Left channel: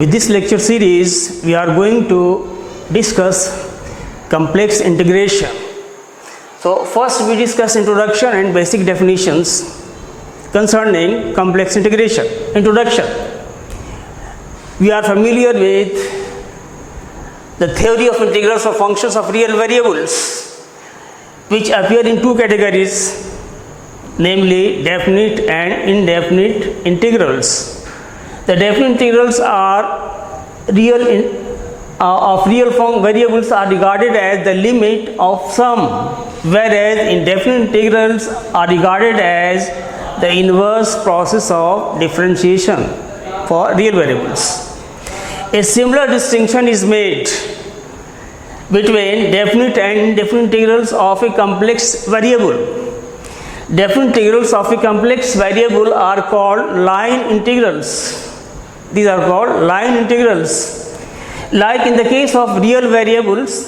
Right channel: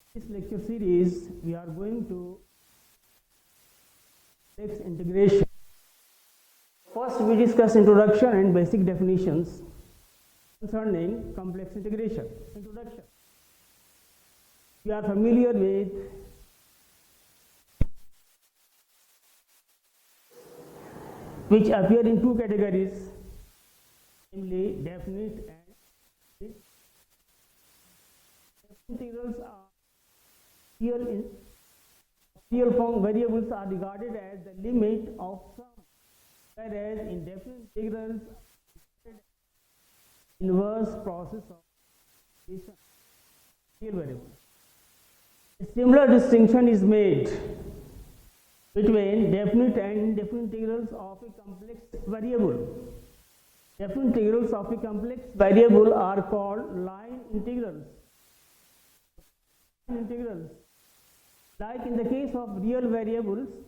With this lecture series, we are going to discuss complex integration. So first we discuss introduction and basic definitions concerning complex integration. Introduction. We are familiar with the theory of integrals of functions of real variables, which appear in two categories, namely definite and indefinite integrals. The definite integrals are real variables are regarded as the limit of sum, whereas indefinite integrals are regarded as the inverse process of differentiation for real variables. A similar distinction is made between definite and indefinite integrals of a complex variable. Definite integrals of a complex variable are called line integrals. These are called line integrals. Like in the case of real variables,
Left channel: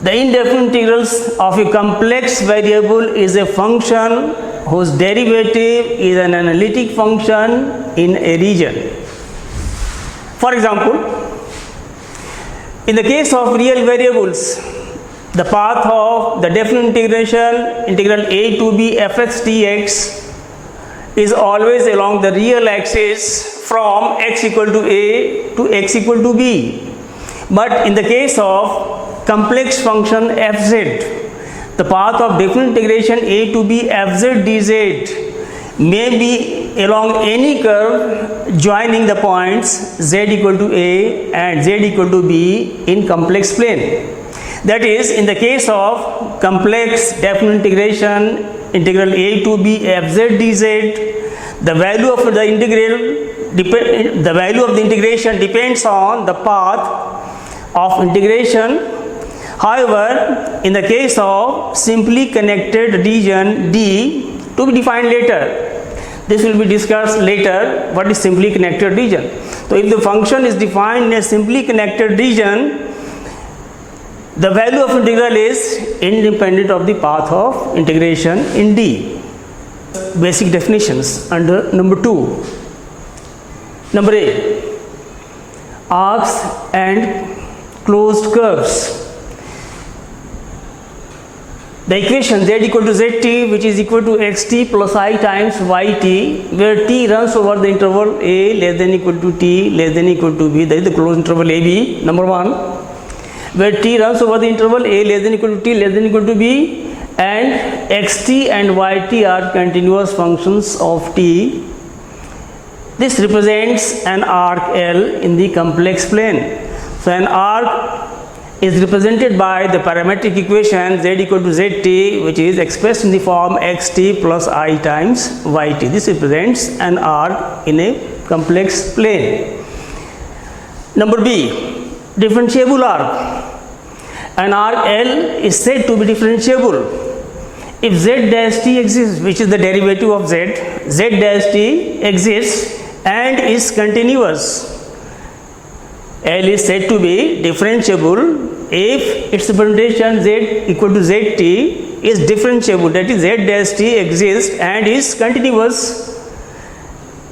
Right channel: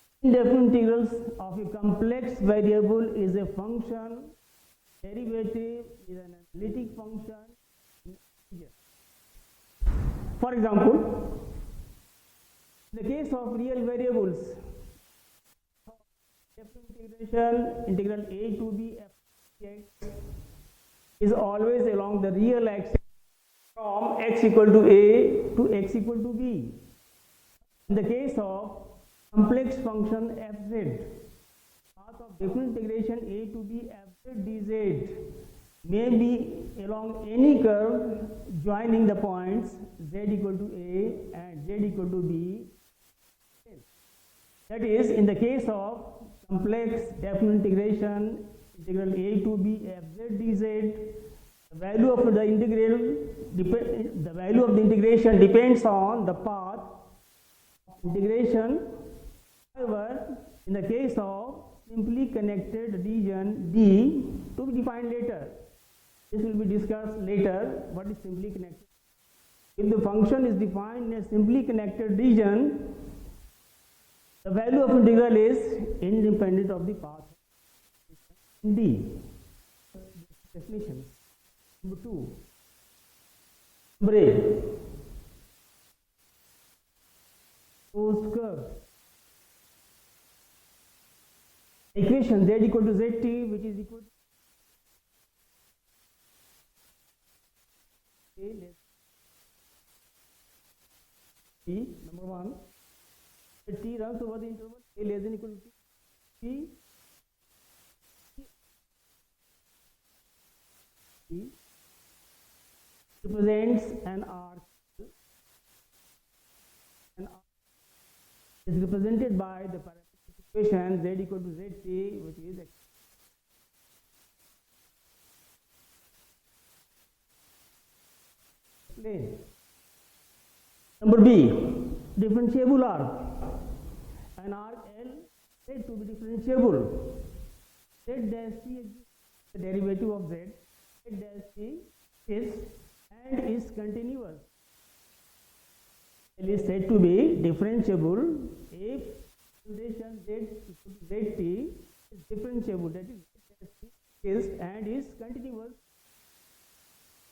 the indefinite integrals of a complex variable is a function whose derivative is an analytic function in a region. For example, in the case of real variables, the path of the definite integration integral a to b fx dx is always along the real axis from x equal to a to x equal to b. But in the case of complex function fz, the path of definite integration a to b fz dz may be along any curve joining the points z equal to a and z equal to b in complex plane. That is, in the case of complex definite integration integral a to b fz dz, the value of the integration depends on the path of integration. However, in the case of simply connected region D, to be defined later, this will be discussed later, what is simply connected region. So if the function is defined in a simply connected region, the value of integral is independent of the path of integration in D. Basic definitions under number 2. Number A, arcs and closed curves. The equation z equal to zt, which is equal to xt plus I times yt, where t runs over the interval a less than equal to t less than equal to b, that is the closed interval ab, number 1, where t runs over the interval a less than equal to t less than equal to b, and xt and yt are continuous functions of t. This represents an arc L in the complex plane. So an arc is represented by the parametric equation z equal to zt, which is expressed in the form xt plus I times yt. This represents an arc in a complex plane. Number B, differentiable arc. An arc L is said to be differentiable if z dash t exists, which is the derivative of z dash t exists and is continuous. L is said to be differentiable if its representation z equal to zt is differentiable, that is z dash t exists and is continuous.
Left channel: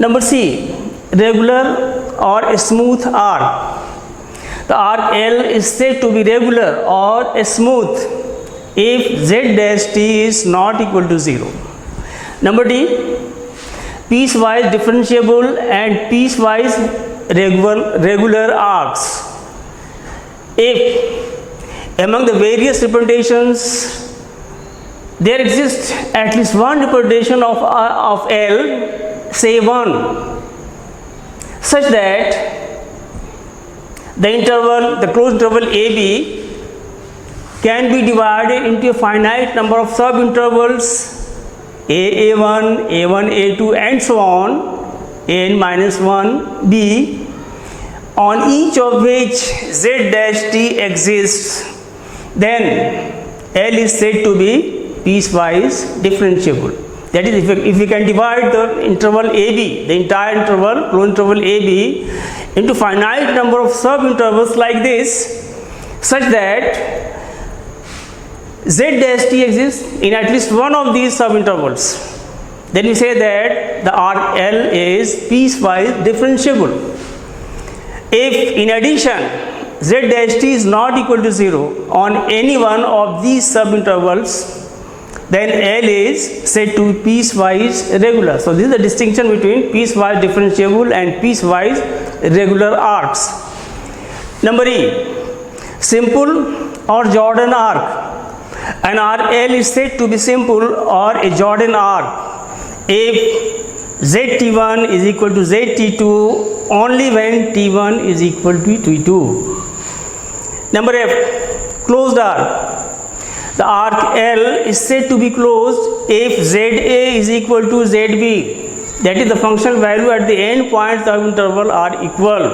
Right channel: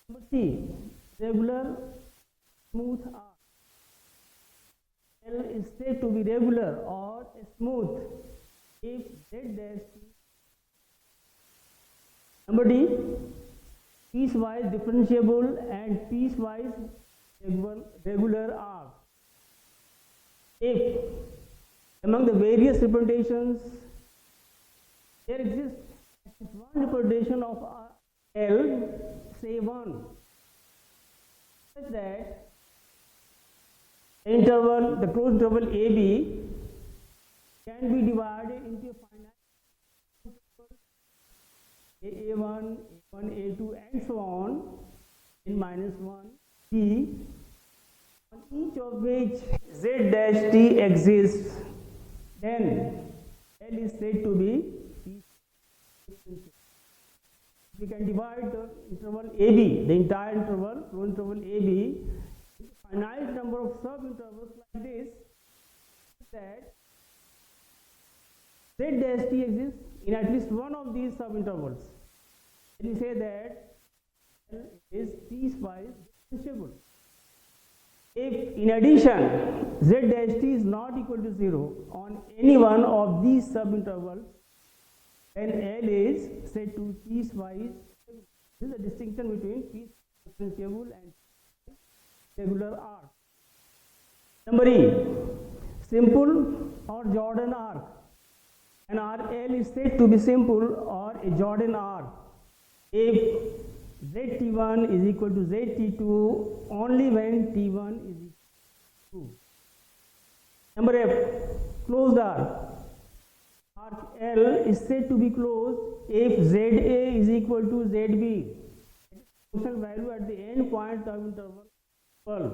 Number C, regular or smooth arc. The arc L is said to be regular or smooth if z dash t is not equal to 0. Number D, piecewise differentiable and piecewise regular arcs. If among the various representations there exists at least one representation of L, say 1, such that the closed interval AB can be divided into a finite number of subintervals A1, A1, A2 and so on, n minus 1, B, on each of which z dash t exists, then L is said to be piecewise differentiable. That is, if we can divide the interval AB, the entire interval, closed interval AB, into finite number of subintervals like this, such that z dash t exists in at least one of these subintervals, then we say that the arc L is piecewise differentiable. If in addition z dash t is not equal to 0 on any one of these subintervals, then L is said to be piecewise regular. So this is the distinction between piecewise differentiable and piecewise regular arcs. Number E, simple or Jordan arc. An arc L is said to be simple or a Jordan arc if ZT1 is equal to ZT2 only when T1 is equal to T2. Number F, closed arc. The arc L is said to be closed if ZA is equal to ZB, that is the function value at the end points of interval are equal.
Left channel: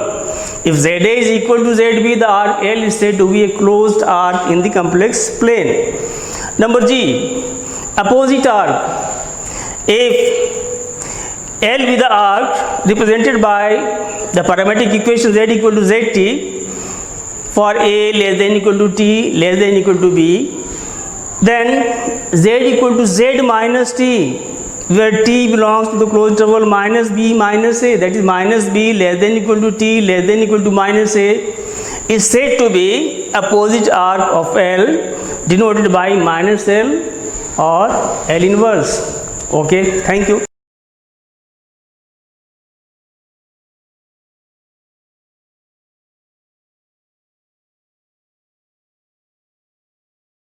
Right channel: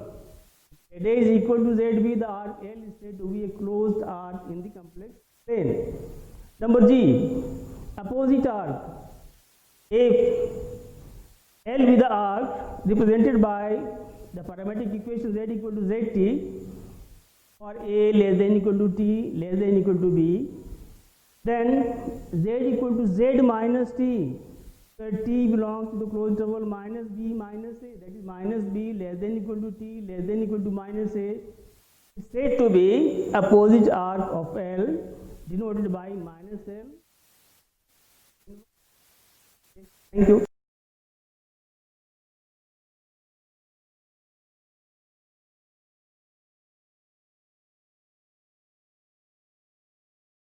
If ZA is equal to ZB, the arc L is said to be a closed arc in the complex plane. Number G, opposite arc. If L with the arc represented by the parametric equation Z equal to ZT for A less than equal to T less than equal to B, then Z equal to Z minus T, where T belongs to the closed interval minus B minus A, that is minus B less than equal to T less than equal to minus A, is said to be opposite arc of L denoted by minus L or L inverse. Okay, thank you.